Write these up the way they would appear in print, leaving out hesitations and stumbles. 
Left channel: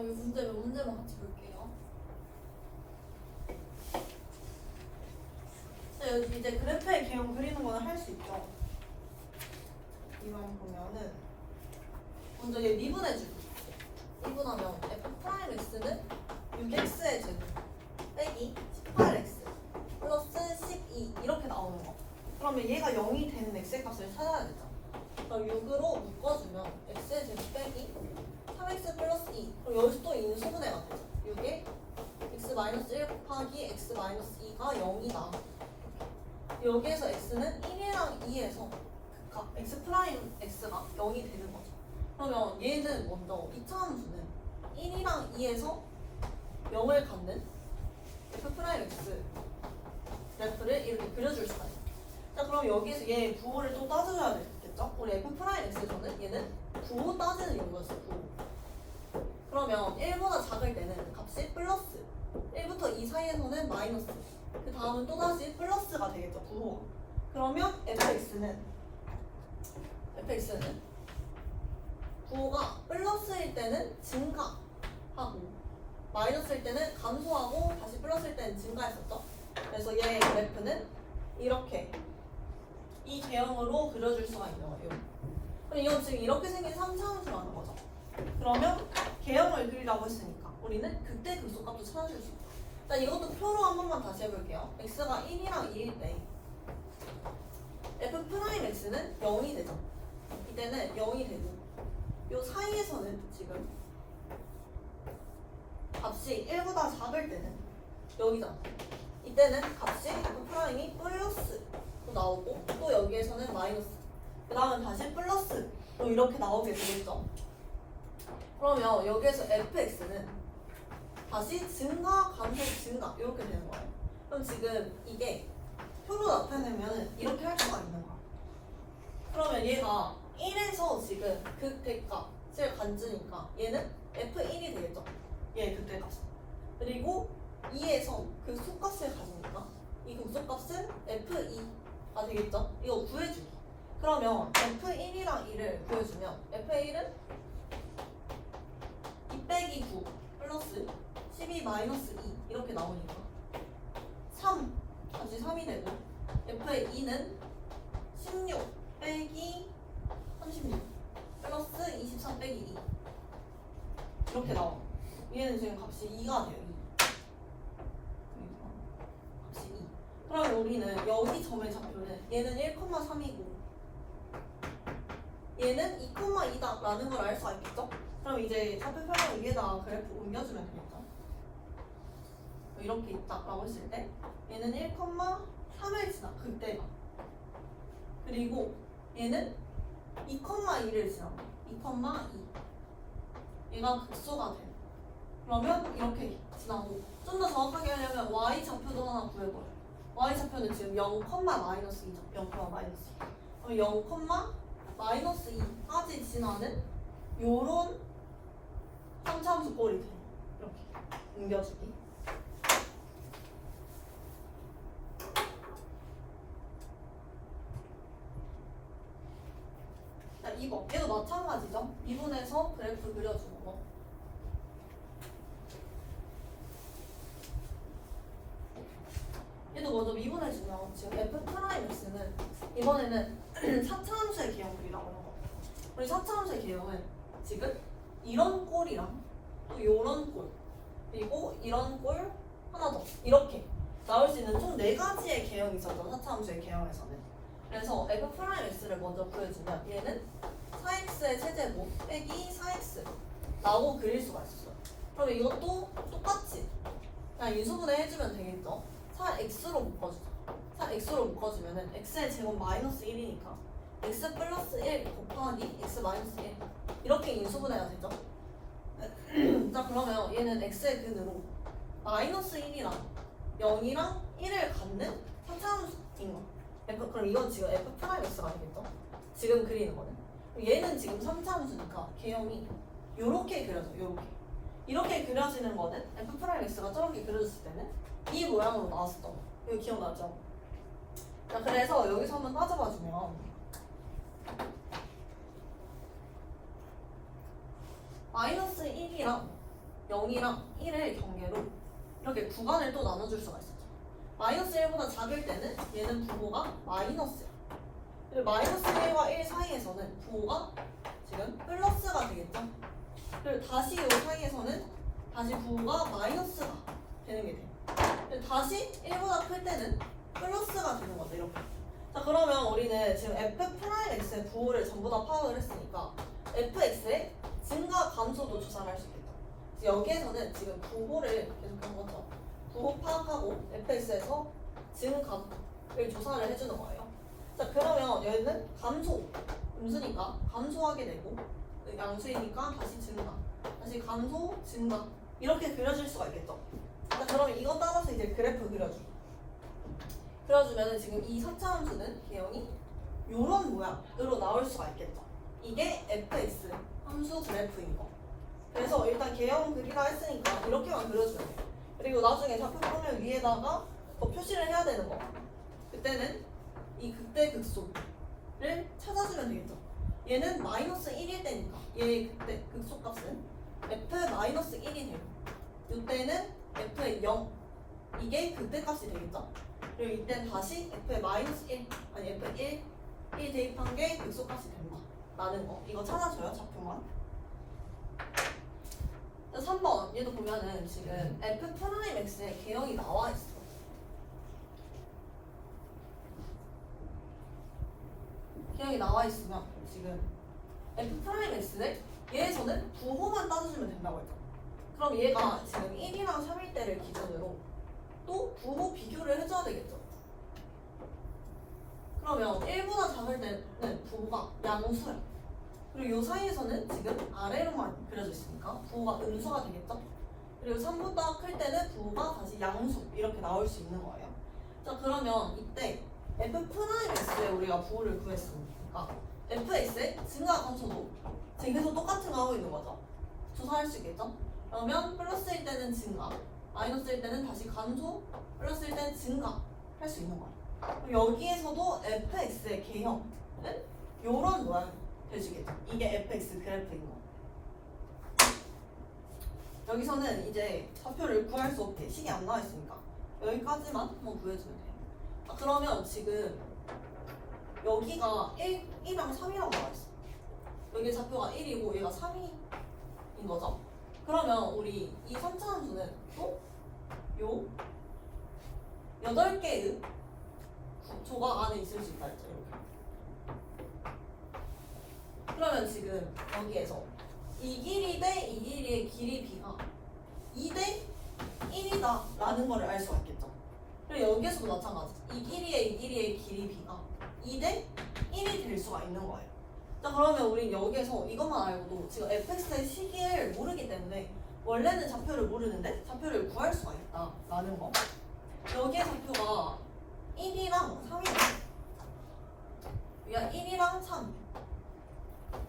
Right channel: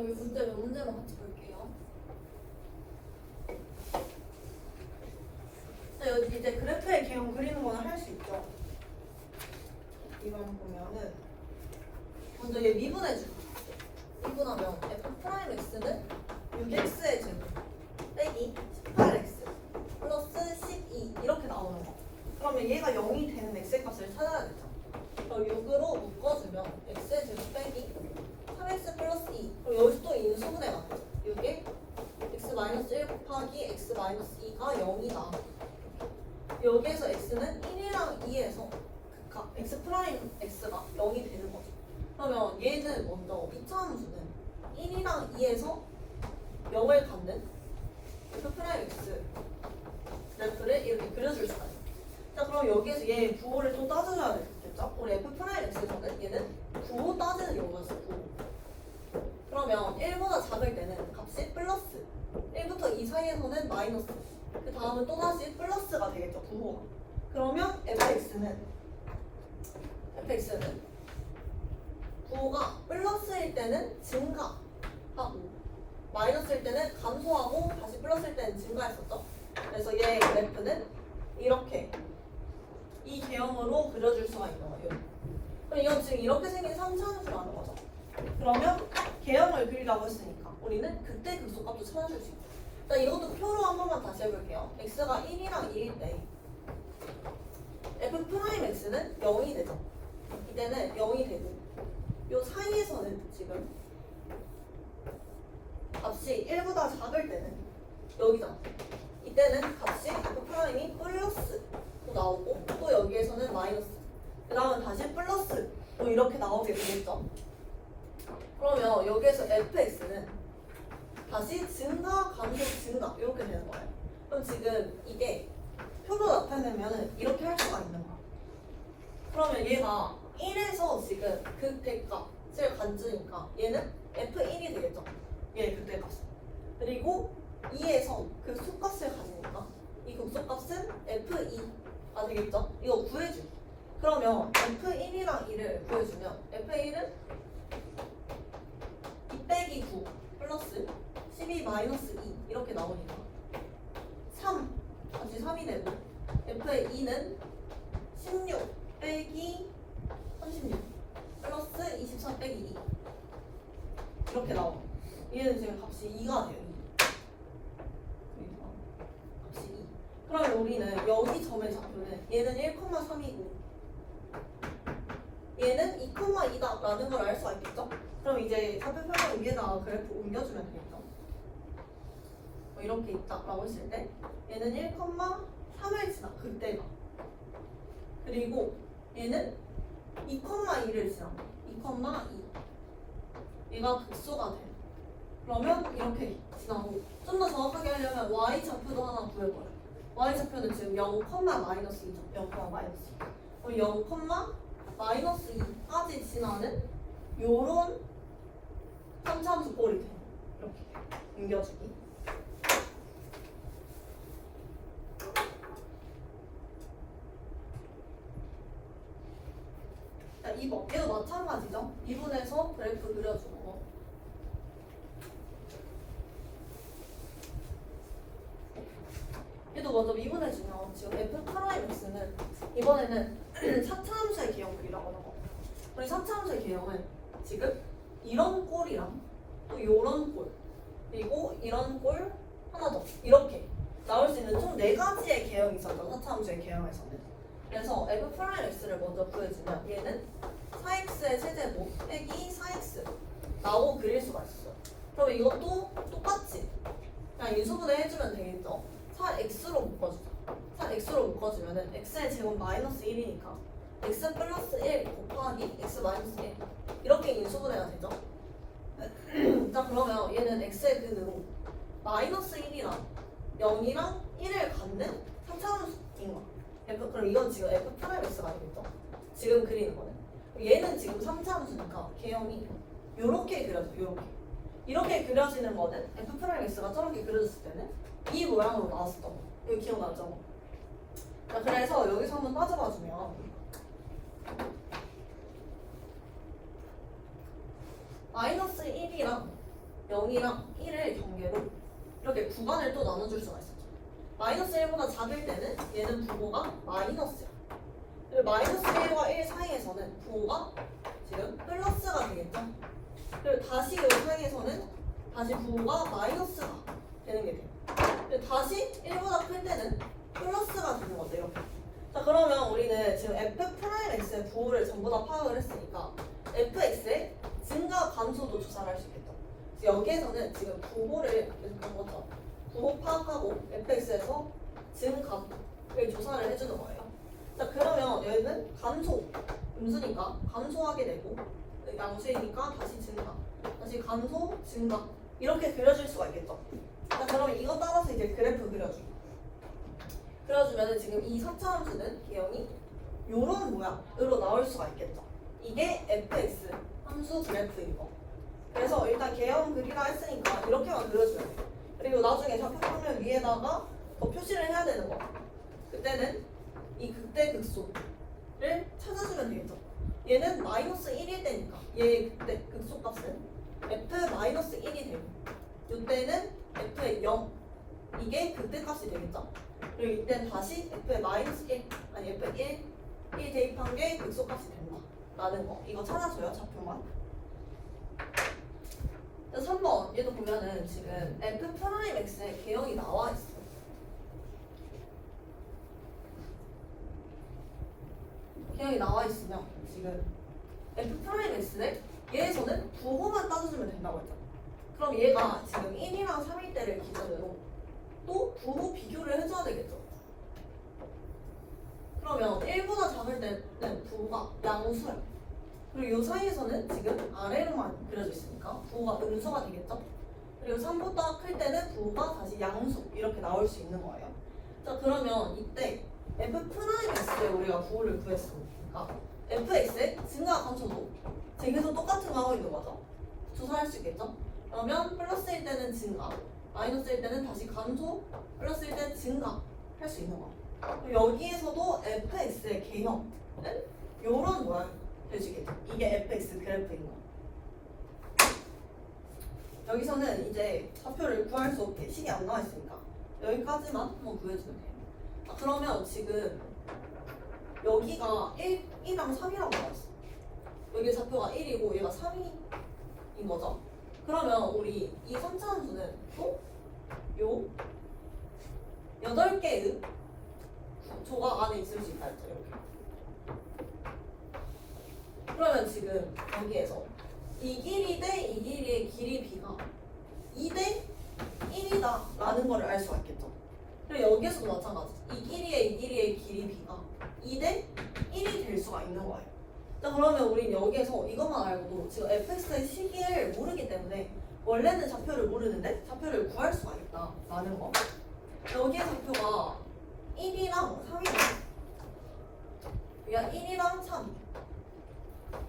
여기 문제만 같이 볼게요. 여기 이제 그래프의 개형 그리는 거는 할 수 있죠. 이걸 보면은 먼저 얘 미분해 줄게. 미분하면 f'x는 6x의 제곱 빼기 18x 플러스 12 이렇게 나오는 거. 그러면 얘가 0이 되는 x의 값을 찾아야 되죠. 그럼 6으로 묶어주면 x의 제곱 빼기 3x 플러스 2. 그럼 여기서 또 인수분해가 되죠. 6에 x-1 곱하기 x-2가 0이다. 여기에서 x는 1이랑 2에서 극합 x 프라임 x가 0이 되는 거죠. 그러면 얘는 먼저 이차함수는 1이랑 2에서 0을 갖는 f 프라임 x 그래프를 이렇게 그려줄 수가 있어요. 자, 그럼 여기에서 얘 부호를 또 따져줘야 되겠죠? 우리 f 프라임 x에서는 얘는 부호 따지는 용도였어. 부호. 그러면 1보다 작을 때는 값이 플러스, 1부터 2 사이에서는 마이너스, 그 다음은 또다시 플러스가 되겠죠, 부호가. 그러면 fx는 부호가 플러스일 때는 증가하고 마이너스일 때는 감소하고 다시 플러스일 때는 증가했었죠. 그래서 얘 그래프는 이렇게 이 개형으로 그려줄 수가 있는 거예요. 그럼 이건 지금 이렇게 생긴 3차함수라는 거죠. 그러면 개형을 그리라고 했으니까 우리는 그때 극소값도 찾아줄 수 있다. 자, 이것도 표로 한 번만 다시 해볼게요. x가 1이랑 2일 때 f'x는 0이 되죠. 이때는 0이 되고 요 사이에서는 지금 값이 1보다 작을 때는 여기잖아. 이때는 값이 f'이 플러스도 나오고 또 여기에서는 마이너스, 그 다음은 다시 플러스 또 이렇게 나오게 되겠죠. 그러면 여기에서 fx는 다시 증가, 감소, 증가 이렇게 되는 거예요. 그럼 지금 이게 표로 나타내면 이렇게 할 수가 있는 거야. 그러면 얘가 1에서 지금 극대값을 가지니까 얘는 f1이 되겠죠. 얘 극대값. 그리고 2에서 그 속값을 가지니까 이 극소값은 f2가 되겠죠. 이거 구해주기. 그러면 f1이랑 2를 구해주면 f1은 2 빼기 9 플러스 12 마이너스 2 이렇게 나오니까 3 다시 3이 되고 f의 2는 16 빼기 36 플러스 23 빼기 2 이렇게 나와요. 얘는 지금 값이 2가 돼요. 2. 값이 2. 그러면 우리는 여기 점의 좌표는 얘는 1,3이고 얘는 2,2다 라는 걸 알 수가 있겠죠? 그럼 이제 좌표 평면 위에다 그래프 옮겨주면 되겠죠? 이렇게 있다라고 했을 때 얘는 1,3을 지나 그때가, 그리고 얘는 2,2를 지난다. 2,2 얘가 극소가 돼. 그러면 이렇게 지나고 좀 더 정확하게 하려면 y 좌표도 하나 구해버려요. y 좌표는 지금 0, 마이너스 2죠. 0, 마이너스 2. 그럼 0, 마이너스 2까지 지나는 요런 3차함수 꼴이 돼요. 이렇게 옮겨주기. 자, 2번. 얘도 마찬가지죠. 미분해서 그래프 그려주는 거. 얘도 먼저 미분해주면 지금 f'x는 이번에는 4차 함수의 개형 그리라고 하는 거. 우리 4차 함수의 개형은 지금 이런 꼴이랑 또 요런 꼴 그리고 이런 꼴 하나 더 이렇게 나올 수 있는 총 4가지의 개형이 있었죠. 4차 함수의 개형에서는. 그래서 f'x를 먼저 구해주면 얘는 4x의 세제곱 빼기 4x 라고 그릴 수가 있어요. 그럼 이것도 똑같이 그냥 인수분해 해주면 되겠죠. 4x로 묶어주자. 4x로 묶어주면은 x의 제곱 마이너스 1이니까 x 플러스 1 곱하기 x 마이너스 1 이렇게 인수분해가 되죠. 자, 그러면 얘는 x의 근으로 마이너스 1이랑 0이랑 1을 갖는 3차함수인 거. 그럼 이건 지금 f'x가 되겠죠. 지금 그리는 거는. 얘는 지금 3차함수니까 개형이 요렇게 그려져. 이렇게 그려지는 거는 f'x가 저렇게 그려졌을 때는 이 모양으로 나왔어. 이거 기억나죠? 자, 그래서 여기서 한번 따져봐주면 마이너스 1이랑 0이랑 1을 경계로 이렇게 구간을 또 나눠줄 수가 있었죠. 마이너스 1보다 작을 때는 얘는 부호가 마이너스야. 그리고 마이너스 1과 1 사이에서는 부호가 지금 플러스가 되겠죠. 그리고 다시 이 사이에서는 다시 부호가 마이너스가 되는 게 돼요. 그리고 다시 1보다 클 때는 플러스가 되는 거죠. 이렇게. 자, 그러면 우리는 지금 f'x의 부호를 전부 다 파악을 했으니까 fx의 증가 감소도 조사를 할 수 있겠죠. 여기에서는 지금 부호를 그렇죠. 부호 파악하고 fx에서 증감을 조사를 해주는 거예요. 자, 그러면 얘는 감소 음수니까 감소하게 되고 양수이니까 다시 증가, 다시 감소, 증가 이렇게 그려줄 수가 있겠죠. 자, 그러면 이거 따라서 이제 그래프 그려주면 지금 이 4차 함수는 개형이 이런 모양으로 나올 수가 있겠죠. 이게 fx 함수 그래프인 거. 그래서 일단 개형 그리라 했으니까 이렇게만 그려주면 돼요. 그리고 나중에 좌표표면 위에다가 더 표시를 해야 되는 거. 그때는 이 극대 극소를 찾아주면 되겠죠. 얘는 마이너스 1일 때니까 얘의 극대 극소값은 f-1이 되고 이때는 f의 0 이게 극대값이 되겠죠. 그리고 이때는 다시 f의 마이너스 1 아니 f의 1 대입한 게 극소값이 된다 라는 거. 이거 찾아줘요 좌표만. 3번 얘도 보면은 지금 f'x의 개형이 나와 있어. 개형이 나와 있으면 지금 f'x를 얘에서는 부호만 따져주면 된다고 했죠. 그럼 얘가 지금 1이랑 3일 때를 기준으로 또 부호 비교를 해줘야 되겠죠. 그러면 1보다 작을 때는 부호가 양수야. 그리고 이 사이에서는 지금 아래로만 그려져 있으니까 부호가 음수가 되겠죠. 그리고 3보다 클 때는 부호가 다시 양수 이렇게 나올 수 있는 거예요. 자, 그러면 이때 f'x에 우리가 부호를 구했으니까 fx의 증가 감소도 지금 계속 똑같은 거 하고 있는 거죠. 조사할 수 있겠죠. 그러면 플러스일 때는 증가, 마이너스일 때는 다시 감소, 플러스일 때는 증가 할 수 있는 거예요. 그럼 여기에서도 fx의 개형은 요런 모양이 되시겠죠. 이게 fx 그래프인 거. 여기서는 이제 좌표를 구할 수 없게 식이 안 나와 있으니까 여기까지만 한번 구해주면 돼요. 자, 그러면 지금 여기가 1이랑 3이라고 나와 있어. 여기 좌표가 1이고 얘가 3인 거죠. 그러면 우리 이 3차 함수는 또 요 8개의 조각 안에 있을 수 있다 했죠. 이렇게. 그러면 지금 여기에서 이 길이 대 이 길이의 길이 b가 2대 1이다 라는 거를 알 수가 있겠죠. 그리고 여기에서도 마찬가지. 이 길이의 길이 b가 2대 1이 될 수가 있는 거예요. 자, 그러면 우린 여기에서 이것만 알고도 지금 fx의 시기를 모르기 때문에 원래는 좌표를 모르는데 좌표를 구할 수가 있다 라는 거. 여기에 좌표가 1이랑 3이에요. 그냥 1이랑 3.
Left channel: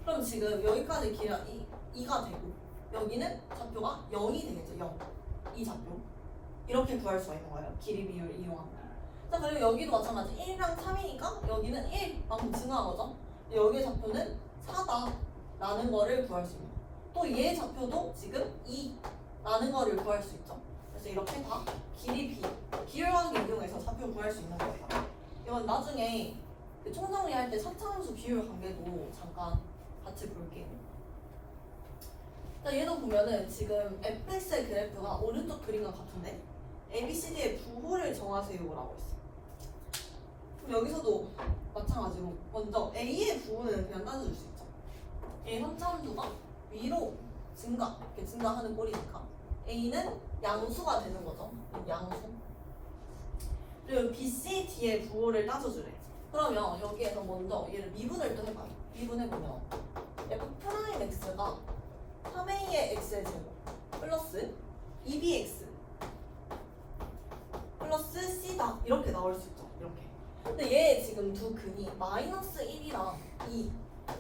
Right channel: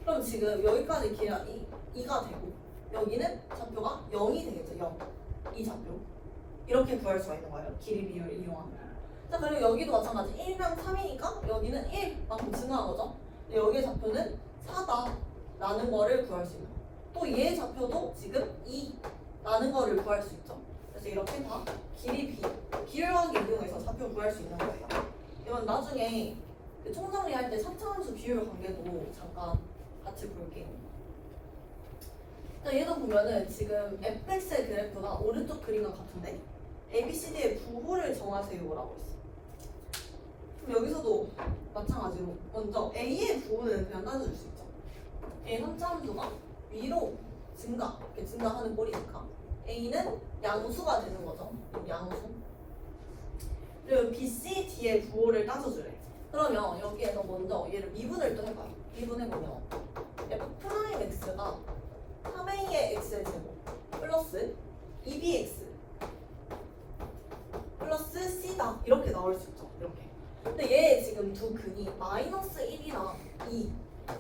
그럼 지금 여기까지 길이가 2가 되고 여기는 좌표가 0이 되겠죠. 0. 이 좌표. 이렇게 구할 수가 있는 거예요. 길이 비율을 이용하면. 자, 그리고 여기도 마찬가지. 1이랑 3이니까 여기는 1만큼 증가한 거죠. 여기의 좌표는 4다 라는 거를 구할 수 있는 거예요. 또 얘의 좌표도 지금 2라는 거를 구할 수 있죠. 그래서 이렇게 다 길이 비율관계 이용해서 좌표 구할 수 있는 거예요. 이건 나중에 그 총정리할 때 4차 함수 비율 관계도 잠깐 같이 볼게요. 자, 얘도 보면은 지금 fx의 그래프가 오른쪽 그림과 같은데 ABCD의 부호를 정하세요라고 했어. 그럼 여기서도 마찬가지로 먼저 A의 부호는 그냥 따져줄 수 있죠. A 3차 함수가 위로 이렇게 증가하는 꼴이니까 A는 양수가 되는 거죠. 양수. 그리고 B, C, D의 부호를 따져주래. 그러면 여기에서 먼저 얘를 미분을 또 해봐요. 미분해보면 F'X가 3A의 X의 제곱 플러스 2BX 플러스 C다 이렇게 나올 수 있죠. 이렇게. 근데 얘 지금 두 근이 마이너스 1이랑 2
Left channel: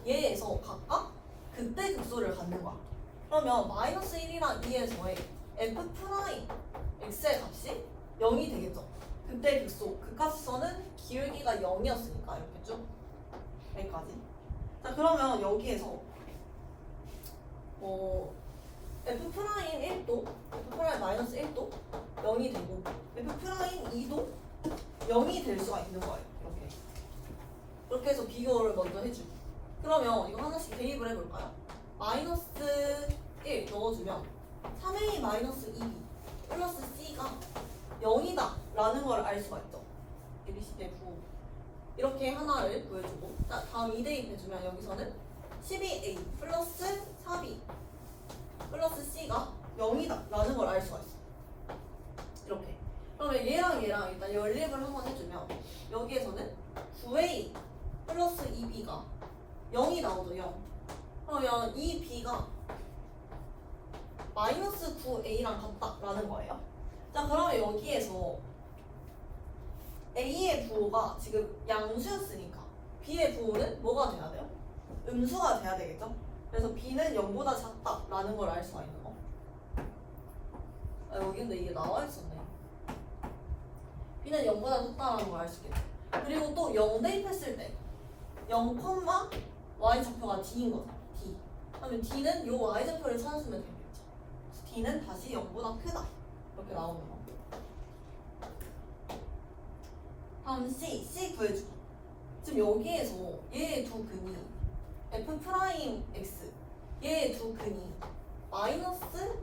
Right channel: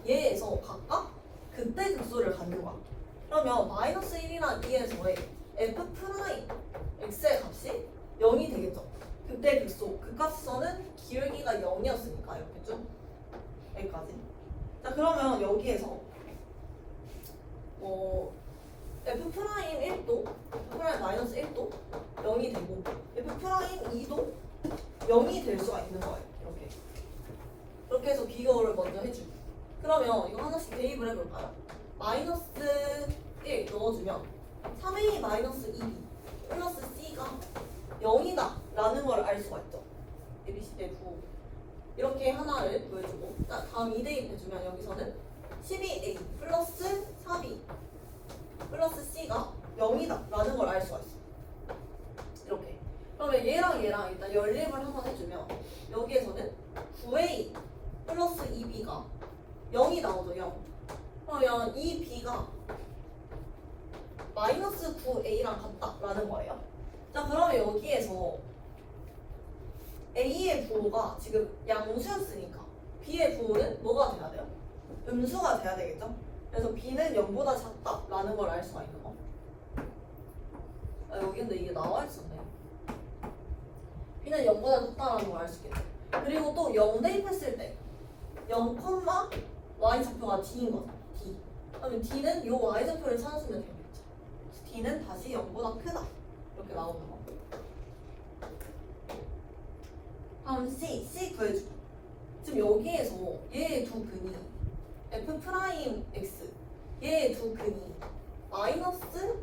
얘에서 각각 극대 극소를 갖는 거야. 그러면 마이너스 1이랑 2에서의 F'X의 값이 0이 되겠죠. 극대 극소 그 값에서는 기울기가 0이었으니까 이렇게 쭉 여기까지. 자, 그러면 여기에서 f 프라임 1도 f 프라임 마이너스 1도 0이 되고 f 프라임 2도 0이 될 수가 있는 거예요. 이렇게. 그렇게 해서 비교를 먼저 해주고. 그러면 이거 하나씩 대입을 해볼까요? 마이너스 1 넣어주면 3a 마이너스 2b 플러스 c가 0이다 라는 걸 알 수가 있죠. ABC의 부 이렇게 하나를 구해주고 다음 2대입해주면 여기서는 12a 플러스 4b 플러스 c가 0이다 라는 걸 알 수가 있어. 이렇게. 그러면 얘랑 일단 연립을 한번 해주면 여기에서는 9a 플러스 2b가 0이 나오죠. 0. 그러면 이 b가 마이너스 9a랑 같다라는 거예요. 자, 그러면 여기에서 a의 부호가 지금 양수였으니까 b의 부호는 뭐가 돼야 돼요? 음수가 돼야 되겠죠? 그래서 b는 0보다 작다라는 걸 알 수가 있는 거. 여기 근데 이게 나와 있었네요. b는 0보다 작다라는 걸 알 수 있겠죠. 그리고 또 0 대입했을 때 0, y좌표가 d인 거죠. d. 그러면 d는 요 y좌표를 찾아주면 되겠죠. d는 다시 0보다 크다. 이렇게 나오는 거. 다음 C 구해주기. 지금 여기에서 얘의 두 근이 f 프라임 x 얘의 두 근이 마이너스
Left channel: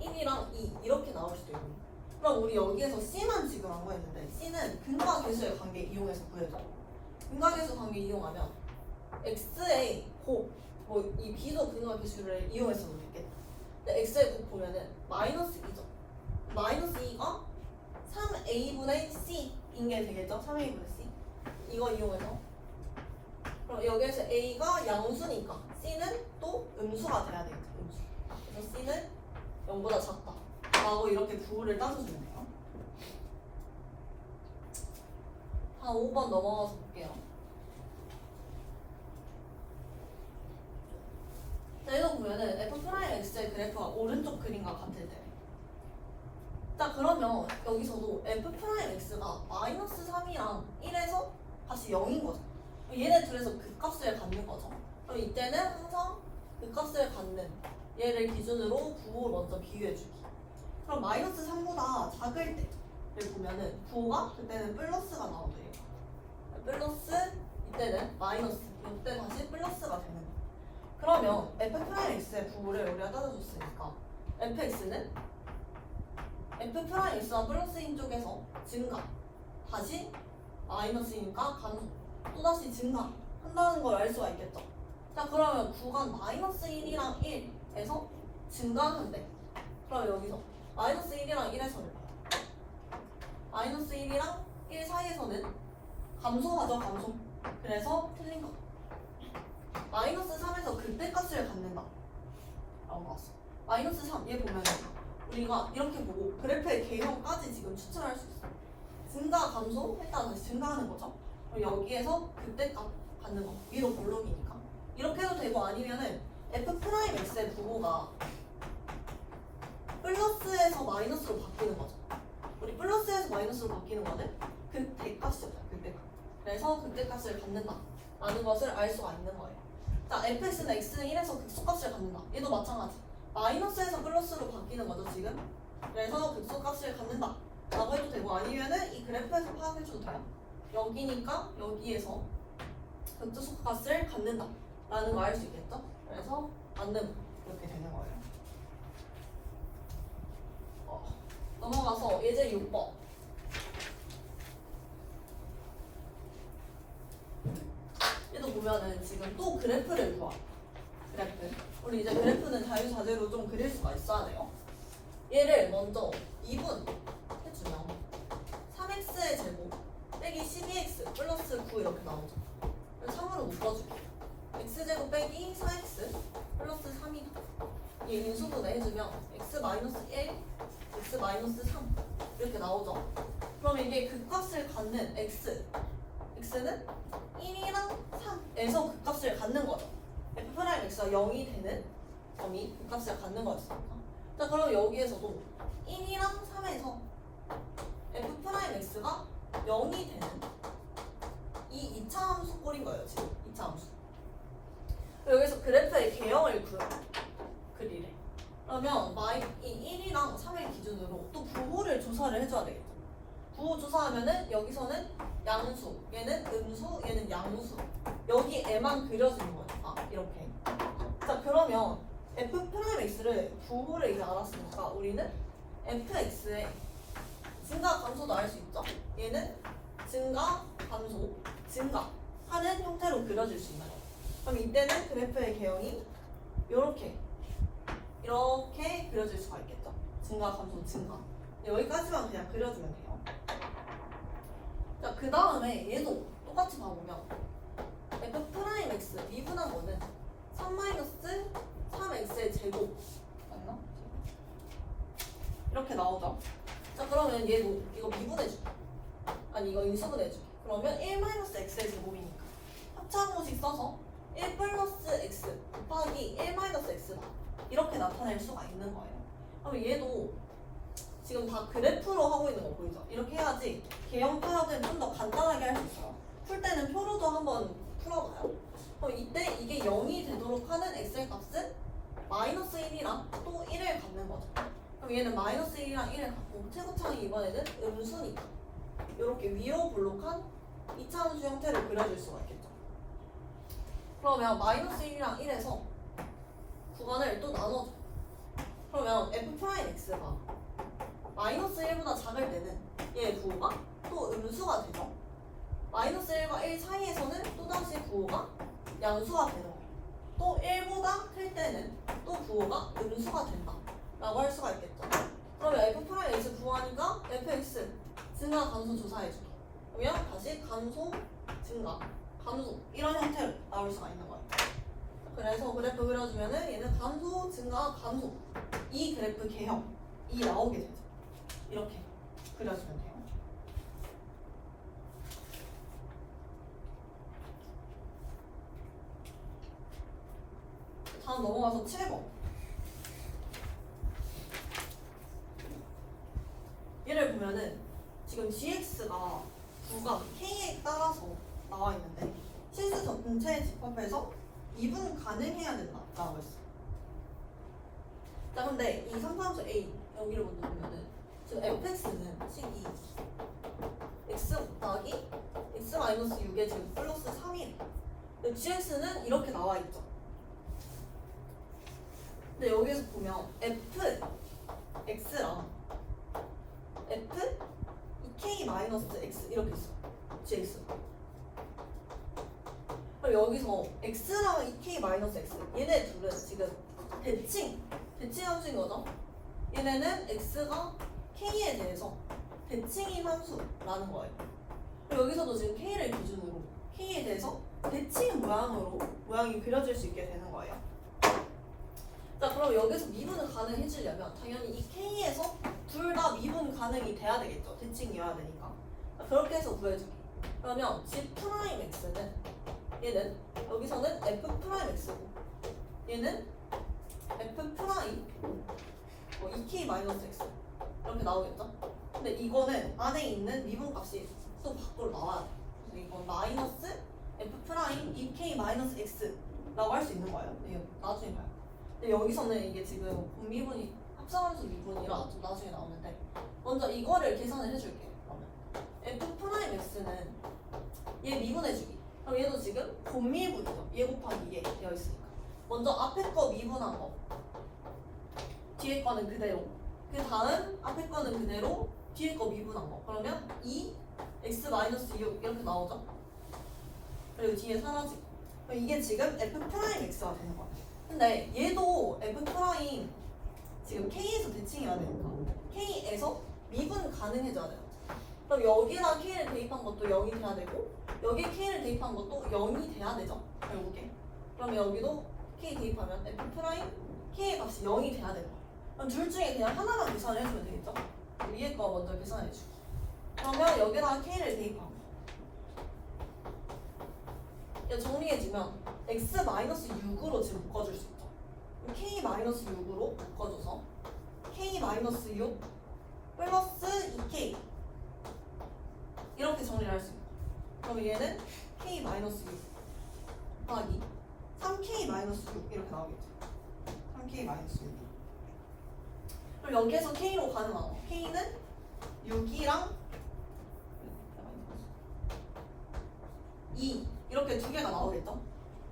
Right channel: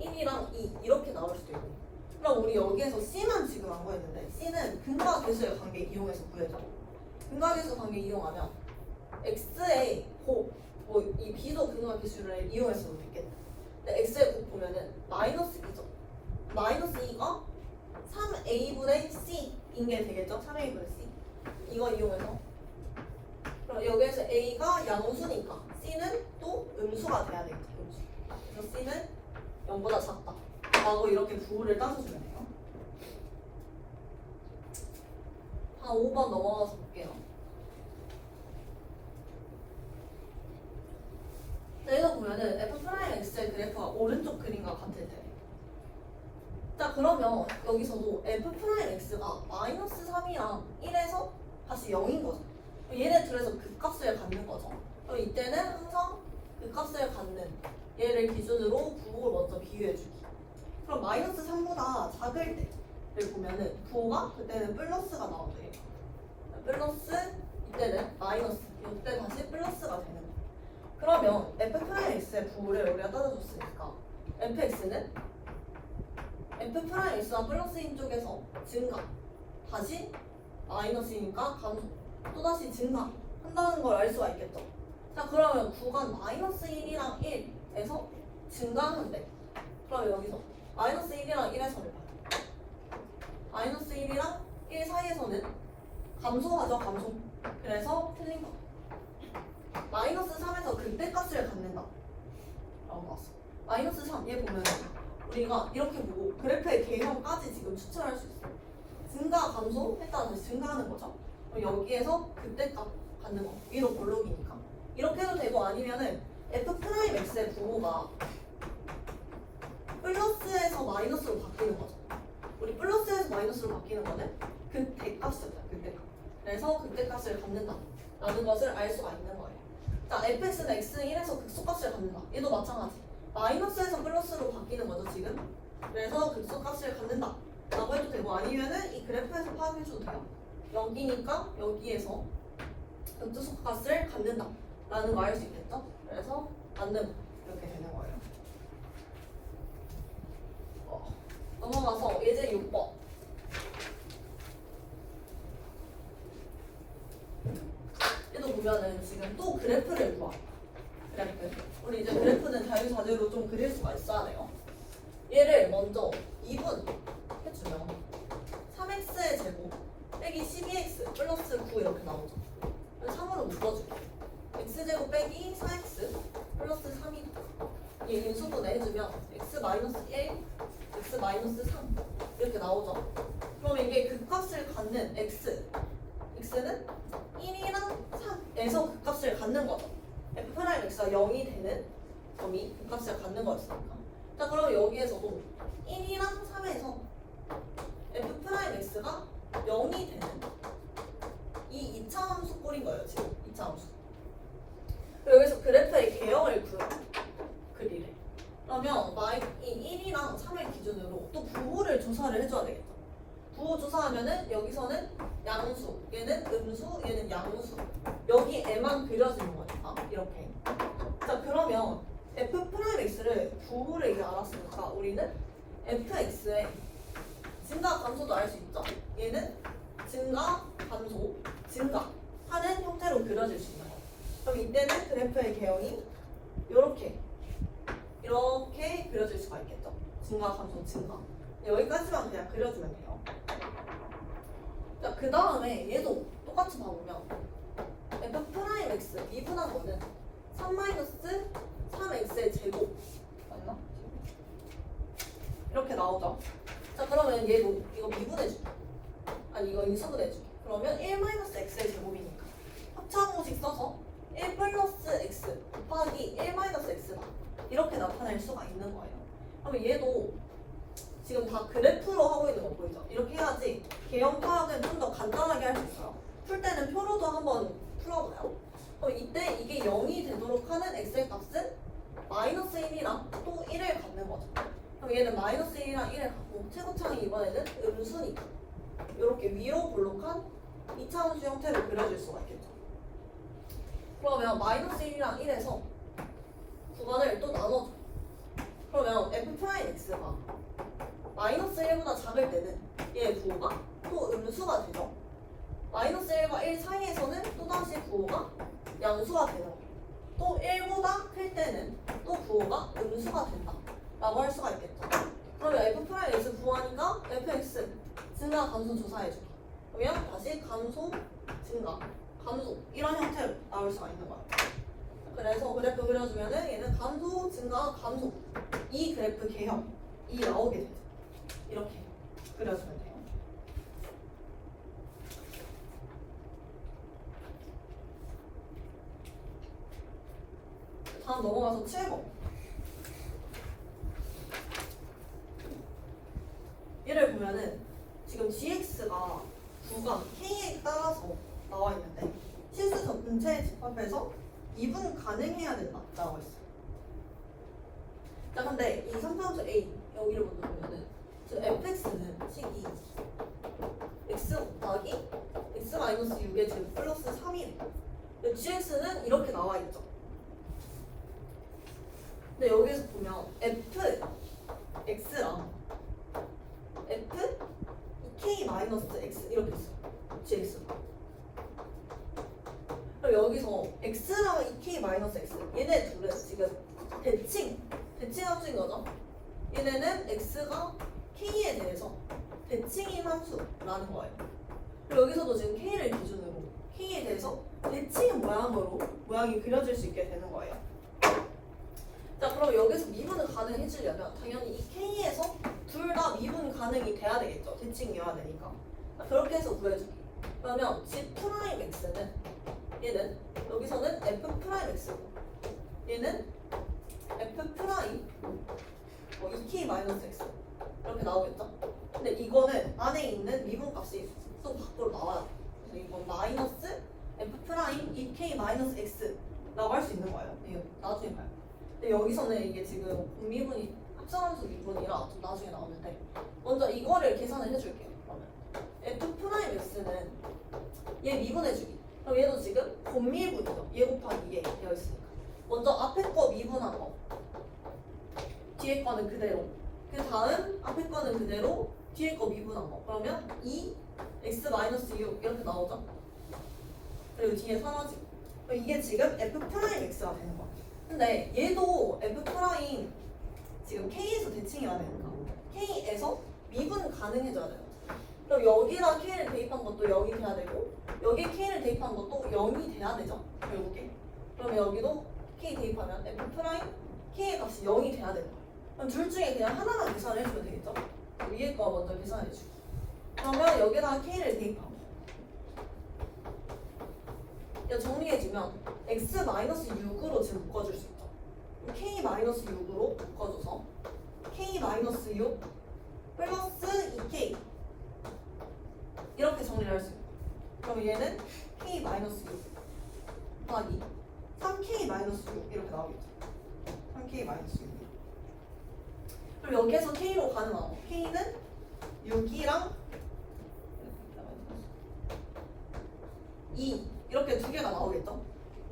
1이랑 2 이렇게 나올 수도 있고. 그럼 우리 여기에서 C만 지금 안 구했는데 C는 근과 계수의 관계 이용해서 구해줘. 근과 계수 관계 이용하면 x의 곱, 이 b도 근과 계수를 이용했어도 되겠다. 근데 x의 곱 보면은 마이너스 2죠. 마이너스 2가 3a분의 c인 게 되겠죠? 3a분의 c. 이거 이용해서. 그럼 여기에서 a가 양수니까 c는 또 음수가 돼야 되겠죠. 음수. 그래서 c는 0보다 작다. 라고 이렇게 부호를 따져주면 돼요. 한 5번 넘어가서 볼게요. 자, 이거 보면은 f'x의 그래프가 오른쪽 그림과 같을 때. 자, 그러면 여기서도 f'x가 마이너스 3이랑 1에서 다시 0인 거죠. 얘네 둘에서 극값을 갖는 거죠. 그럼 이때는 항상 극값을 갖는 얘를 기준으로 부호를 먼저 비교해주기. 그럼 마이너스 3보다 작을 때를 보면은 부호가 그때는 플러스가 나오죠. 플러스 이때는 마이너스. 이때 다시 플러스가 되는 거예요. 그러면 f'x의 부호를 우리가 따져줬으니까 fx는 f'x가 플러스인 쪽에서 증가 다시 마이너스이니까 감소 또다시 증가한다는 걸 알 수가 있겠죠. 자, 그러면 구간 마이너스 1이랑 1에서 증가하는데 그럼 여기서 마이너스 1이랑 1에서는 마이너스 1이랑 1 사이에서는 감소하죠. 감소. 그래서 틀린 거. 마이너스 3에서 극대값을 갖는다 라고 나왔어. 마이너스 3, 얘 보면 우리가 이렇게 보고 그래프의 개형까지 지금 추출할 수 있어. 증가, 감소 했다가 다시 증가하는 거죠. 그럼 여기에서 극대값 갖는 거. 위로 볼록이니까 이렇게 해도 되고 아니면은 f'x의 부호가 플러스에서 마이너스로 바뀌는 거죠. 우리 플러스에서 마이너스로 바뀌는 거는 극대값이죠. 극대값. 그래서 극대값을 갖는다 라는 것을 알 수가 있는 거예요. 자, fx는 x는 1에서 극소값을 갖는다. 얘도 마찬가지. 마이너스에서 플러스로 바뀌는 거죠, 지금. 그래서 극소값을 갖는다 라고 해도 되고 아니면은 이 그래프에서 파악해줘도 돼요. 여기니까 여기에서 극소값을 갖는다 라는 거 알 수 있겠죠? 그래서 맞는 이렇게 되는 거예요. 넘어가서 예제 6번. 얘도 보면은 지금 또 그래프를 구하. 그래프. 우리 이제 그래프는 자유자재로 좀 그릴 수가 있어야 돼요. 얘를 먼저 2분 해주면 3x의 제곱 빼기 12x 플러스 9 이렇게 나오죠. 3으로 묶어줄게. x제곱 빼기 4x 플러스 3이다. 얘 인수분해 해주면 x 마이너스 1, x 마이너스 3 이렇게 나오죠. 그러면 이게 극값을 갖는 x는 1이랑 3에서 극값을 갖는 거죠. f'x가 0이 되는 점이 극값을 갖는 거였으니까. 자, 그럼 여기에서도 1이랑 3에서 f'x가 0이 되는 이 2차 함수 꼴인 거예요. 지금 2차 함수. 여기서 그래프의 개형을 그리래. 그러면 조사를 해줘야 되겠죠. 부호 조사하면은 여기서는 양수, 얘는 음수, 얘는 양수. 여기 애만 그려지는 거예요. 아, 이렇게. 자, 그러면 f'x를 부호를 이제 알았으니까 우리는 fx의 증가 감소도 알 수 있죠. 얘는 증가, 감소, 증가 하는 형태로 그려질 수 있는 거. 그럼 이때는 그래프의 개형이 이렇게 그려질 수가 있겠죠. 증가, 감소, 증가. 여기까지만 그냥 그려주면 돼요. 자, 그 다음에 얘도 똑같이 봐보면 f'x 미분한 거는 3-3x의 제곱 맞나? 이렇게 나오죠. 자, 그러면 얘도 이거 미분해줄게. 아니, 이거 인수분해줄게. 그러면 1-x의 제곱이니까 합차항공식 써서 1 플러스 x 곱하기 1-x다. 이렇게 나타낼 수가 있는 거예요. 그러면 얘도 지금 다 그래프로 하고 있는 거 보이죠? 이렇게 해야지 개형 파악은 좀 더 간단하게 할 수 있어요. 풀 때는 표로도 한번 풀어봐요. 그럼 이때 이게 0이 되도록 하는 x의 값은 마이너스 1이랑 또 1을 갖는 거죠. 그럼 얘는 마이너스 1이랑 1을 갖고 최고창이 이번에는 음수니까 이렇게 위로 볼록한 2차함수 형태를 그려줄 수가 있겠죠. 그러면 마이너스 1이랑 1에서 구간을 또 나눠줘. 그러면 f'x가 마이너스 1보다 작을 때는 얘 부호가 또 음수가 되죠. 마이너스 1과 1 사이에서는 또다시 부호가 양수가 되는 거예요. 또 1보다 클 때는 또 부호가 음수가 된다 라고 할 수가 있겠죠. 그러면 f'x 구하니까 fx 증가 감소 조사해주기. 그러면 다시 감소 증가 감소 이런 형태로 나올 수가 있는 거예요. 그래서 그래프 그려주면은 얘는 감소 증가 감소 이 그래프 개형이 나오게 되죠. 이렇게 그려주면 돼요. 다음 넘어가서 7번. 얘를 보면은 지금 gx가 구간 k에 따라서 나와 있는데 실수 분체의 집합에서 미분 가능해야 된다라고 했어요. 자, 근데 이 삼차함수 a 여기를 먼저 보면은 지금 fx는 식이 x 곱하기 x 마이너스 6의 제곱 플러스 3이에요. 근데 gx는 이렇게 나와 있죠. 근데 여기서 보면 fx랑 f 2k 마이너스 x 이렇게 있어. gx. 그럼 여기서 x랑 2k 마이너스 x 얘네 둘은 지금 대칭 함수인 거죠. 얘네는 x가 k에 대해서 대칭인 함수라는 거예요. 그리고 여기서도 지금 k를 기준으로 k에 대해서 대칭 모양이 그려질 수 있게 되는 거예요. 자, 그럼 여기서 미분을 가능해지려면 당연히 이 k에서 둘 다 미분 가능이 돼야 되겠죠. 대칭이어야 되니까. 자, 그렇게 해서 구해주기. 그러면 g'x는 얘는 여기서는 f'x고 얘는 f' 2k 마이너스 x 이렇게 나오겠죠? 근데 이거는 안에 있는 미분값이 또 밖으로 나와요. 그래서 이건 마이너스 f' 2k 마이너스 x라고 할 수 있는 거예요. 이게 나중에 봐요. 근데 여기서는 이게 지금 공미분이 합성함수 미분이라 좀 나중에 나오는데 먼저 이거를 계산을 해줄게. 그러면 f'x는 얘 미분해주기. 그럼 얘도 지금 곱미분이죠. 얘 곱하기 얘 되어 있으니까 먼저 앞에 거 미분한 거 뒤에 거는 그대로 그 다음 앞에 거는 그대로 뒤에 거 미분한 거 그러면 2x-6 이렇게 나오죠. 그리고 뒤에 사라지고 그럼 이게 지금 f'x가 되는 거야. 근데 얘도 f' 지금 k에서 대칭해야 되니까 k에서 미분 가능해져야 돼요. 그럼 여기다 k를 대입한 것도 0이 돼야 되고 여기 k를 대입한 것도 0이 돼야 되죠. 결국에 그럼 여기도 k 대입하면 f' k의 값이 0이 돼야 돼요. 그럼 둘 중에 그냥 하나만 계산을 해주면 되겠죠? 위에 거 먼저 계산해주고 그러면 여기다가 k를 대입하고 이제 정리해주면 x-6으로 지금 묶어줄 수 있죠. k-6으로 묶어줘서 k-6 플러스 2k 이렇게 정리를 할 수 있고 그럼 얘는 k-6 곱하기 3k-6 이렇게 나오겠죠. 3k-6 그럼 여기에서 k로 가능하고 k는 6이랑 2 이렇게 두 개가 나오겠죠?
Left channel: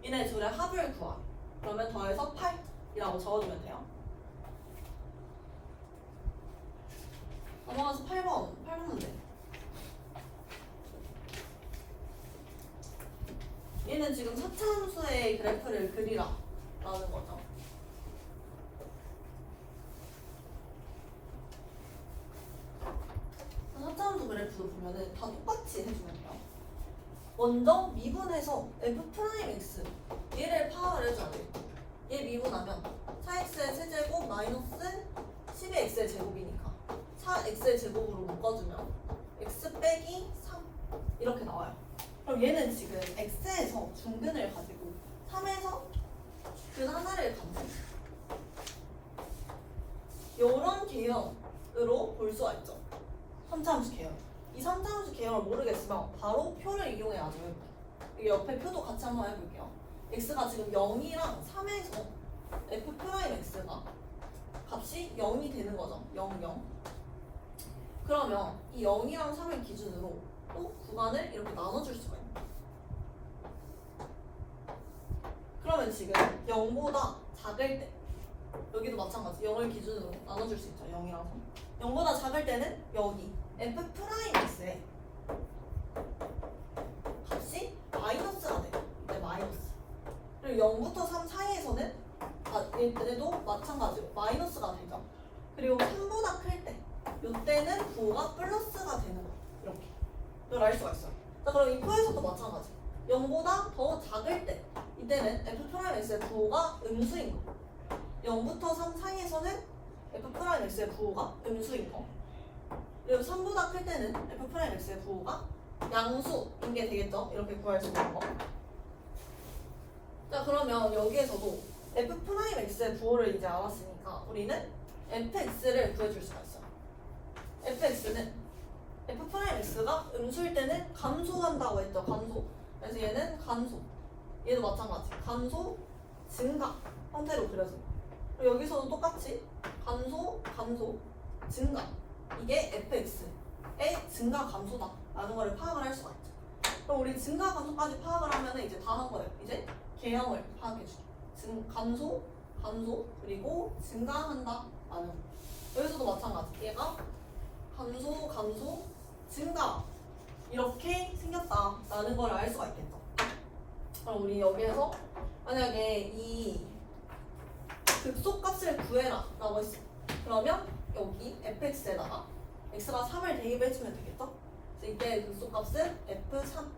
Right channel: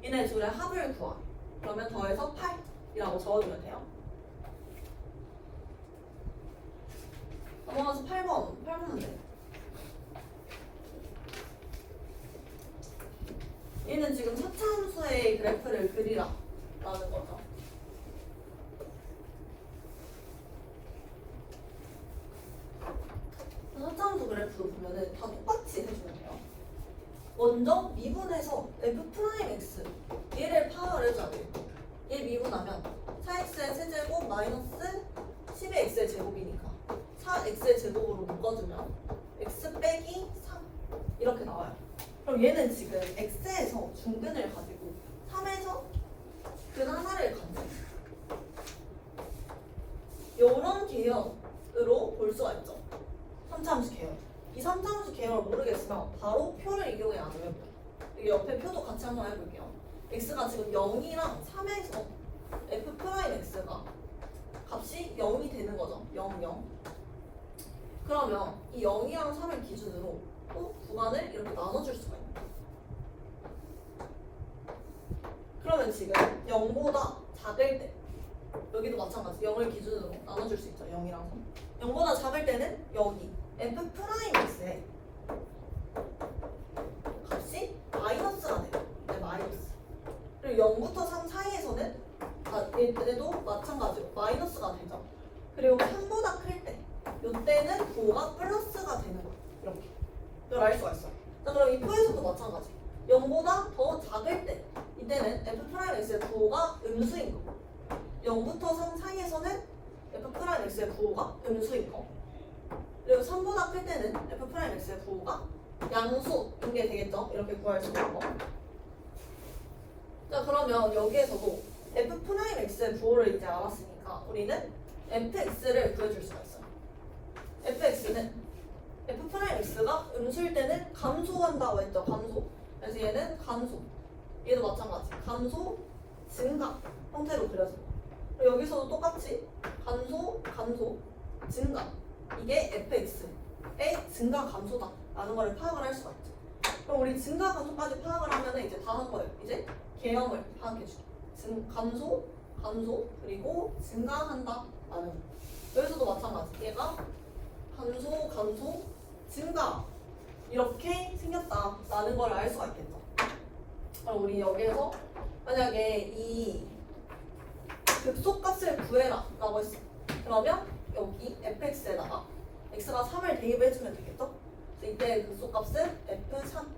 얘네 둘의 합을 구하. 그러면 더해서 8이라고 적어주면 돼요. 넘어가서 8번 문제. 얘는 지금 차차함수의 그래프를 그리라 라는 거죠. 차차함수 그래프도 보면은 다 똑같이 해주면 돼요. 먼저 미분해서 f'x 얘를 파악을 해줘야 돼요. 얘 미분하면 4x의 세제곱 마이너스 12x의 제곱이니까 4x의 제곱으로 묶어주면 x 빼기 3 이렇게 나와요. 그럼 얘는 지금 x에서 중근을 가지고 3에서 근 하나를 갖는 이런 개념으로 볼 수가 있죠. 3차함수 개념. 이 3차함수 개념을 모르겠으면 바로 표를 이용해야죠. 여기 옆에 표도 같이 한번 해볼게요. x가 지금 0이랑 3에서 f'x가 값이 0이 되는 거죠. 0, 0. 그러면 이 0이랑 3을 기준으로 또 구간을 이렇게 나눠줄 수가 있어요. 그러면 지금 0보다 작을 때 여기도 마찬가지 0을 기준으로 나눠줄 수 있죠. 0이랑 3. 0보다 작을 때는 여기 f'x의 값이 마이너스가 돼요. 네, 마이너스. 그리고 0부터 3 사이에서는 얘도 마찬가지로 마이너스가 되죠. 그리고 3보다 클 때 이때는 9가 플러스가 되는 거예요. 이렇게. 이걸 알 수가 있어요. 자, 그럼 이 표에서도 마찬가지. 0보다 더 작을 때 이때는 f'x의 9가 음수인 거. 0부터 3 사이에서는 f'x의 9가 음수인 거. 그리고 3보다 클 때는 f'x의 9가 양수인 게 되겠죠? 이렇게 구할 수 있는 거. 자, 그러면 여기에서도 f'x의 부호를 이제 알았으니까 우리는 fx를 구해줄 수가 있어요. fx는 f'x가 음수일 때는 감소한다고 했죠. 감소. 그래서 얘는 감소. 얘도 마찬가지. 감소, 증가 형태로 그려집니다. 그리고 여기서도 똑같이 감소, 감소, 증가. 이게 fx의 증가 감소다 라는 거를 파악을 할 수가 있죠. 그럼 우리 증가 감소까지 파악을 하면 이제 다 한 거예요. 이제 개형을 파악해주죠. 감소, 감소, 그리고 증가한다 라는 거. 여기서도 마찬가지. 얘가 감소, 감소, 증가 이렇게 생겼다 라는 걸 알 수가 있겠죠. 그럼 우리 여기에서 만약에 이 극소값을 구해라 라고 했어. 그러면 여기 fx에다가 x가 3을 대입해주면 되겠죠? 그래서 이때 극소값은 f3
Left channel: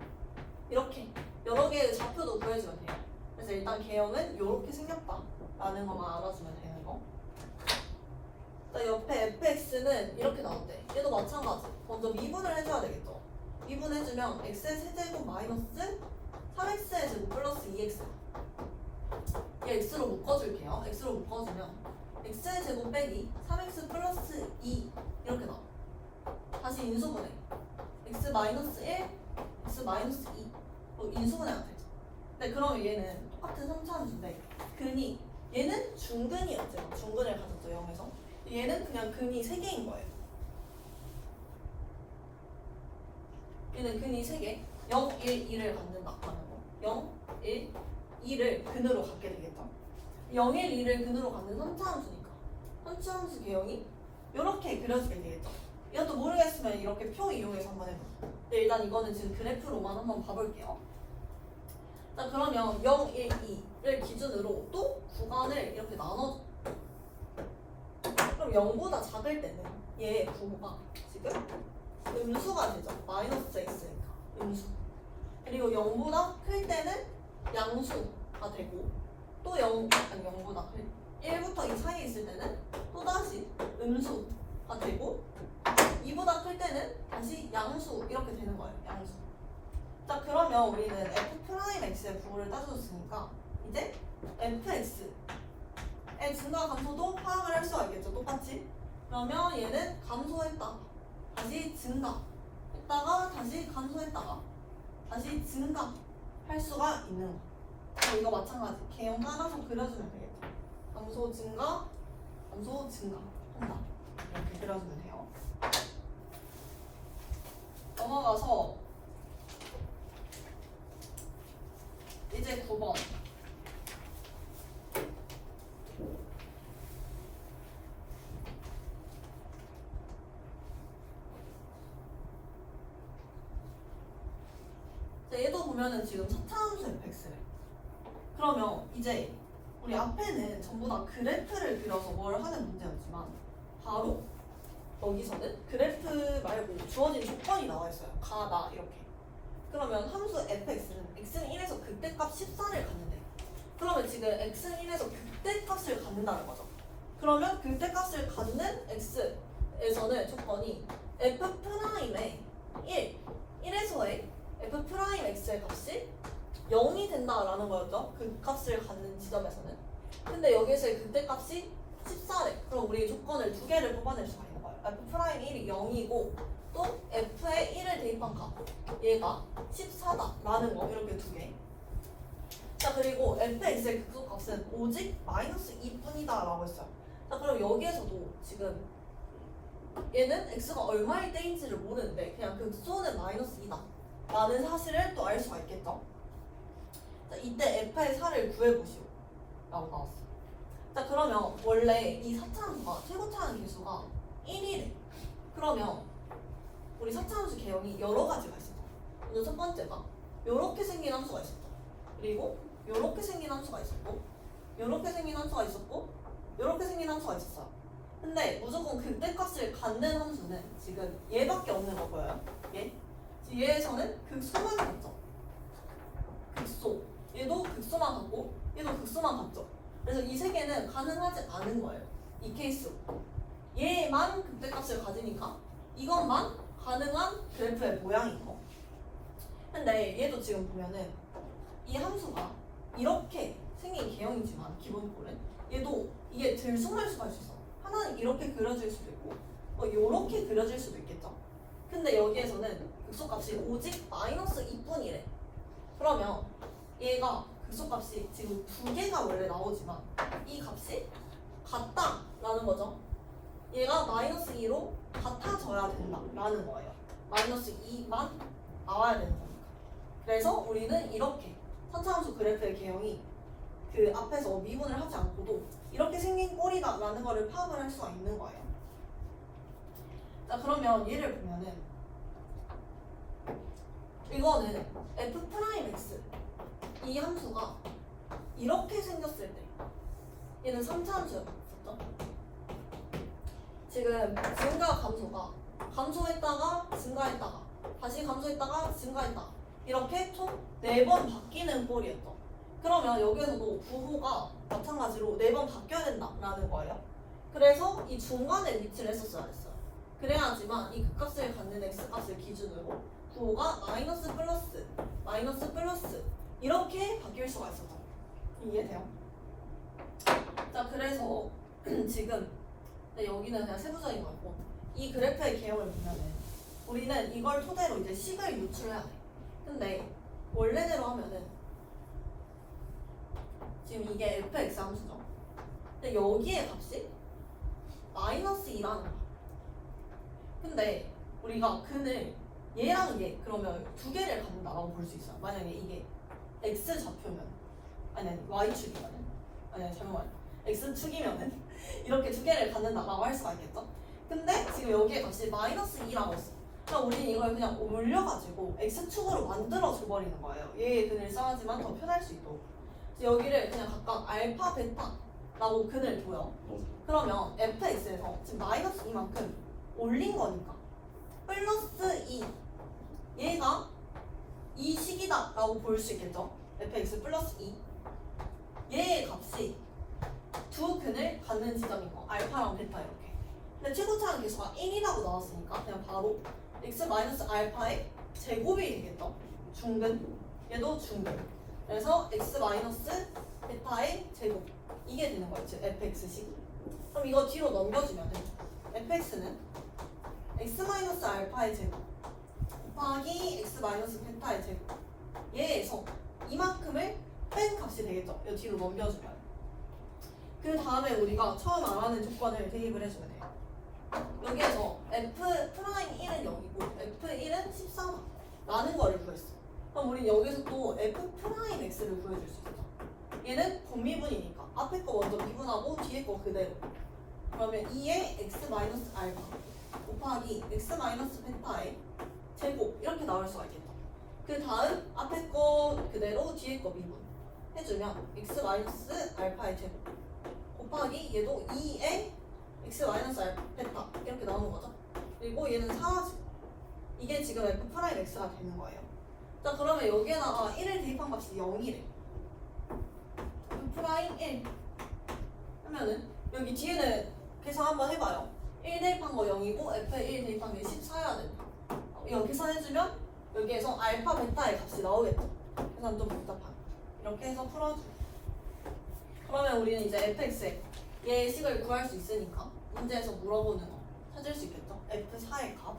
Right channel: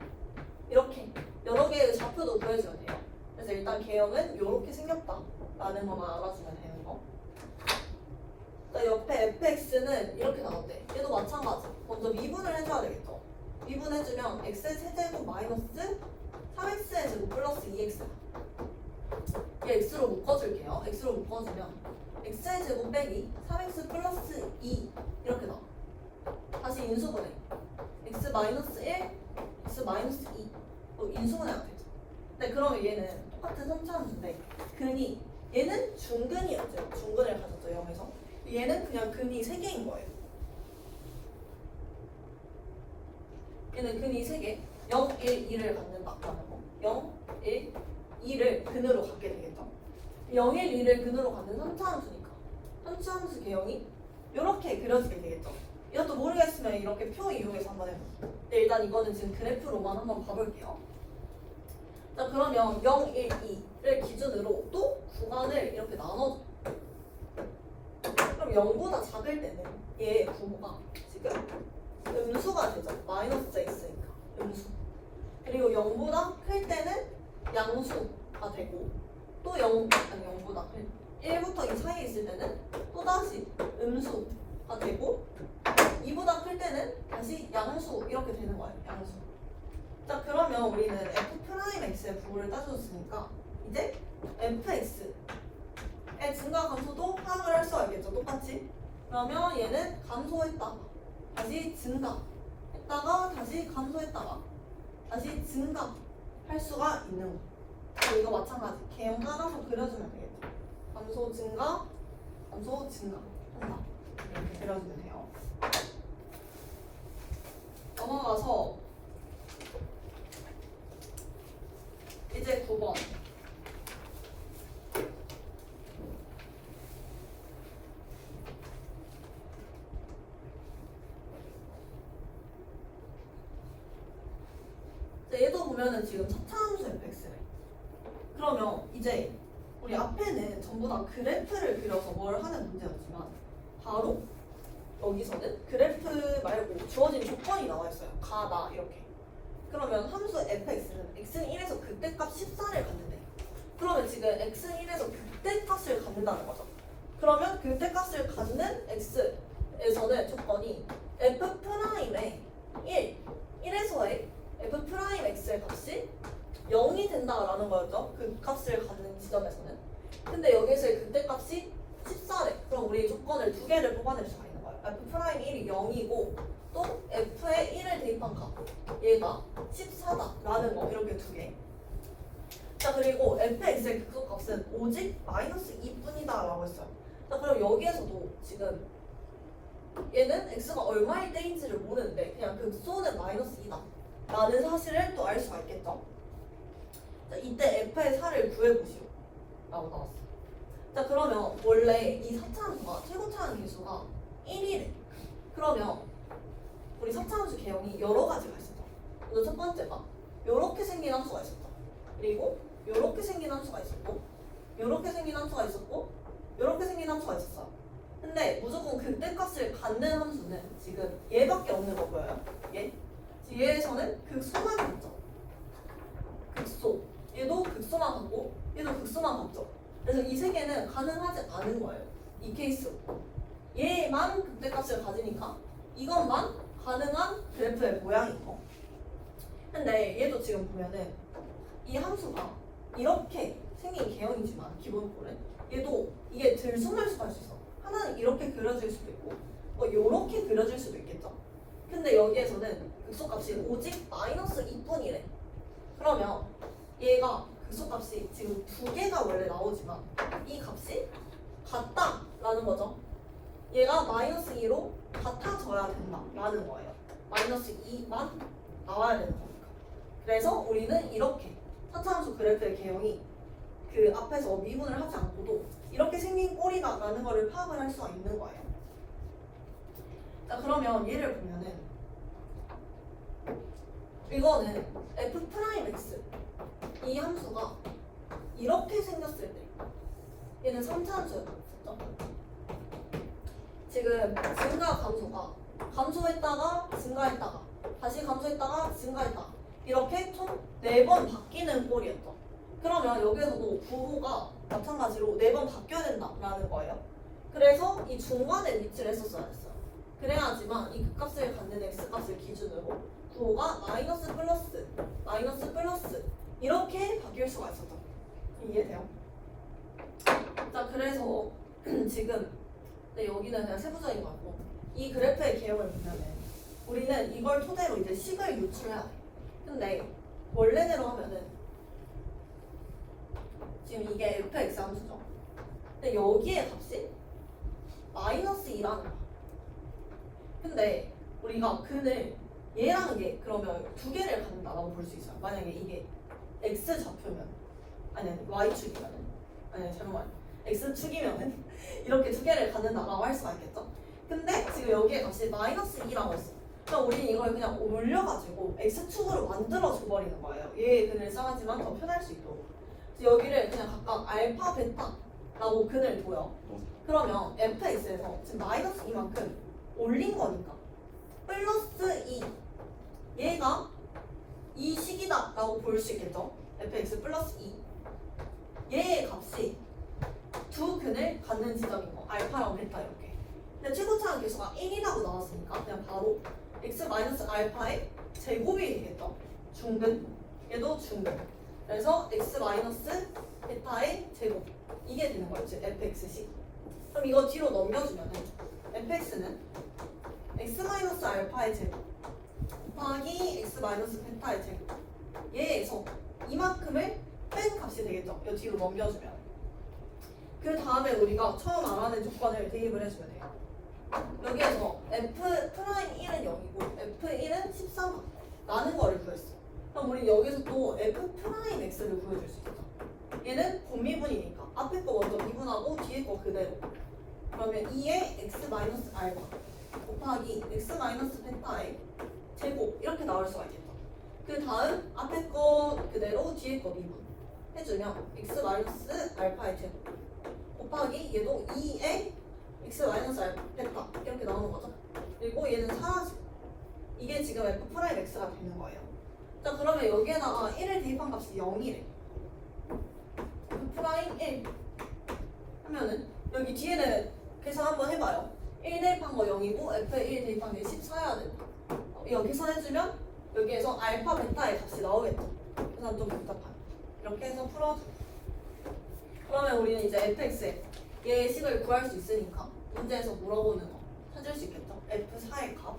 이렇게 여러 개의 좌표도 구해주면 돼요. 그래서 일단 개형은 이렇게 생겼다 라는 것만 알아주면 되는 거. 자, 옆에 fx는 이렇게 나왔대. 얘도 마찬가지. 먼저 미분을 해줘야 되겠죠. 미분해주면 x의 세제곱 마이너스 3x의 제곱 플러스 2x. 얘 x로 묶어줄게요. x로 묶어주면 x의 제곱 빼기 3x 플러스 2 이렇게 나와. 다시 인수분해. x 마이너스 1, x 마이너스 2 인수분해가 되죠. 네, 그러면 얘는 똑같은 3차함수인데 근이 얘는 중근이었죠. 중근을 가졌죠. 0에서. 얘는 그냥 근이 3개인 거예요. 얘는 근이 3개 0, 1, 2를 갖는다라는 거. 0, 1, 2를 근으로 갖게 되겠죠. 0, 1, 2를 근으로 갖는 3차함수니까 3차함수 개형이 이렇게 그려지게 되겠죠. 이것도 모르겠으면 이렇게 표 이용해서 한번 해봐. 근데 일단 이거는 지금 그래프로만 한번 봐볼게요. 자, 그러면 0, 1, 2를 기준으로 또 구간을 이렇게 나눠줘. 그럼 0보다 작을 때는 얘 부호가 지금 음수가 되죠. 마이너스 x니까 음수. 그리고 0보다 클 때는 양수가 되고 또 0보다 클 1부터 2 사이에 있을 때는 또다시 음수가 되고 2보다 클 때는 다시 양수 이렇게 되는 거예요. 양수. 자, 그러면 우리는 f'x의 부호를 따져줬으니까 이제 fx의 증가 감소도 파악을 할 수가 있겠죠. 똑같이. 그러면 얘는 감소했다가 다시 증가했다가 다시 감소했다가 다시 증가할 수가 있는 거. 이거 마찬가지. 개형 따라서 그려주면 되겠죠. 감소 증가, 감소 증가 한다. 이렇게 그려주면 돼요. 넘어가서 이제 9번. 얘도 보면은 지금 차차함수 fx래. 그러면 이제 우리 앞에는 전부 다 그래프를 그려서 뭘 하는 문제였지만 바로 여기서는 그래프 말고 주어진 조건이 나와 있어요. 가다 이렇게. 그러면 함수 fx는 x는 1에서 극대값 14를 갖는데. 그러면 지금 x는 1에서 극대값을 갖는다는 거죠. 그러면 극대값을 갖는 x에서는 조건이 f'의 1에서의 f'x의 값이 0이 된다라는 거였죠. 그 값을 갖는 지점에서는. 근데 여기서의 극대값이 14래. 그럼 우리 조건을 두 개를 뽑아낼 수가 있는 거예요. f'1이 0이고 또 f에 1을 대입한 값. 얘가 14다라는 거. 이렇게 두 개. 자, 그리고 fx의 극소값은 오직 마이너스 2뿐이다 라고 했어요. 자, 그럼 여기에서도 지금 얘는 x가 얼마일 때인지를 모르는데 그냥 극소는 마이너스 2다 라는 사실을 또 알 수가 있겠죠. 자, 이때 f의 4를 구해보시오 라고 나왔어. 자, 그러면 원래 이 4차함수가 최고차항 계수가 1이래. 그러면 우리 4차함수 개형이 여러 가지가 있었죠. 먼저 첫 번째가 요렇게 생긴 함수가 있었죠. 그리고 요렇게 생긴 함수가 있었고, 요렇게 생긴 함수가 있었고, 요렇게 생긴 함수가 있었어요. 근데 무조건 극대값을 갖는 함수는 지금 얘밖에 없는 거 보여요. 얘에서는 극소만 갖죠. 극소. 얘도 극소만 갖고, 얘도 극소만 갖죠. 그래서 이 세 개는 가능하지 않은 거예요. 이 케이스로. 얘만 극대값을 가지니까 이것만 가능한 그래프의 모양인 거. 근데 얘도 지금 보면은 이 함수가 이렇게 생긴 개형이지만 기본꼴은 얘도 이게 들쑥날쑥할 수 있어. 하나는 이렇게 그려질 수도 있고 뭐 요렇게 그려질 수도 있겠죠. 근데 여기에서는 극소값이 오직 마이너스 2뿐이래. 그러면 얘가 극소값이 지금 두 개가 원래 나오지만 이 값이 같다라는 거죠. 얘가 마이너스 2로 같아져야 된다라는 거예요. 마이너스 2만 나와야 되는 거니까. 그래서 우리는 이렇게 차차함수 그래프의 개형이 그 앞에서 미분을 하지 않고도 이렇게 생긴 꼴이다라는 거를 파악을 할 수가 있는 거예요. 자, 그러면 얘를 보면은 이거는 f'x 이 함수가 이렇게 생겼을 때 얘는 3차 함수였죠. 지금 증가 감소가 감소했다가 증가했다가 다시 감소했다가 증가했다가 이렇게 총 4번 바뀌는 꼴이었죠. 그러면 여기에서도 구호가 마찬가지로 4번 바뀌어야 된다라는 거예요. 그래서 이 중간에 위치를 했었어야 했어요. 그래야지만 이 극값을 갖는 x값을 기준으로 구호가 마이너스 플러스 마이너스 플러스 이렇게 바뀔 수가 있었죠. 이해돼요? 자, 그래서 지금 여기는 그냥 세부적인 거고 이 그래프의 개형을 보면은 우리는 이걸 토대로 이제 식을 유출해야 돼. 근데 원래대로 하면은 지금 이게 fx 함수죠. 근데 여기에 값이 마이너스 2라는 거야. 근데 우리가 근을 얘랑 얘 그러면 두 개를 갖는다라고 볼 수 있어요. 만약에 이게 x 좌표면 아니 y축이면은 아니 잘못 말해 x축이면은 이렇게 두 개를 갖는다라고 할 수가 있겠죠. 근데 지금 여기에 값이 마이너스 2라고 했어. 그럼 우리는 이걸 그냥 올려가지고 x축으로 만들어줘 버리는 거예요. 얘의 근을 써야지만 더 편할 수 있도록. 그래서 여기를 그냥 각각 알파, 베타라고 근을 둬요. 그러면 fx에서 지금 마이너스 2만큼 올린 거니까 플러스 2 얘가 이 식이다 라고 볼 수 있겠죠. fx 플러스 2 얘의 값이 두 근을 갖는 지점인 거 알파랑 베타 이렇게. 근데 최고차항 계수가 1이라고 나왔으니까 그냥 바로 x 마이너스 알파의 제곱이 되겠죠. 중근 얘도 중근. 그래서 x 마이너스 베타의 제곱 이게 되는 거예요. 즉 fx식. 그럼 이거 뒤로 넘겨주면은 fx는 x 마이너스 알파의 제곱 곱하기 x 마이너스 베타의 제곱 얘에서 이만큼을 뺀 값이 되겠죠. 이거 뒤로 넘겨주면 그 다음에 우리가 처음 알아낸 조건을 대입을 해주면 돼요. 여기에서 F'1은 0이고 F1은 14다 라는 거를 구했어. 그럼 우리 여기서 또 F'X를 구해줄 수 있어. 얘는 분미분이니까 앞에 거 먼저 미분하고 뒤에 거 그대로. 그러면 2의 X-알파 곱하기 X-베타의 제곱 이렇게 나올 수가 있겠다. 그 다음 앞에 거 그대로 뒤에 거 미분 해주면 X-알파의 제곱 곱하기 얘도 2의 X-베타 이렇게 나오는 거죠. 그리고 얘는 사라지고 이게 지금 F'X가 되는 거예요. 자 그러면 여기에다가 1을 대입한 값이 0이래. F'1 하면은 여기 뒤에는 계산 한번 해봐요. 1 대입한 거 0이고 F에 1 대입한 게 14여야 돼. 이거 계산해주면 여기에서 알파 베타의 값이 나오겠죠. 계산 좀 복잡하네. 이렇게 해서 풀어줘. 그러면 우리는 이제 fx의 얘의 식을 구할 수 있으니까 문제에서 물어보는 거 찾을 수 있겠죠. F4의 값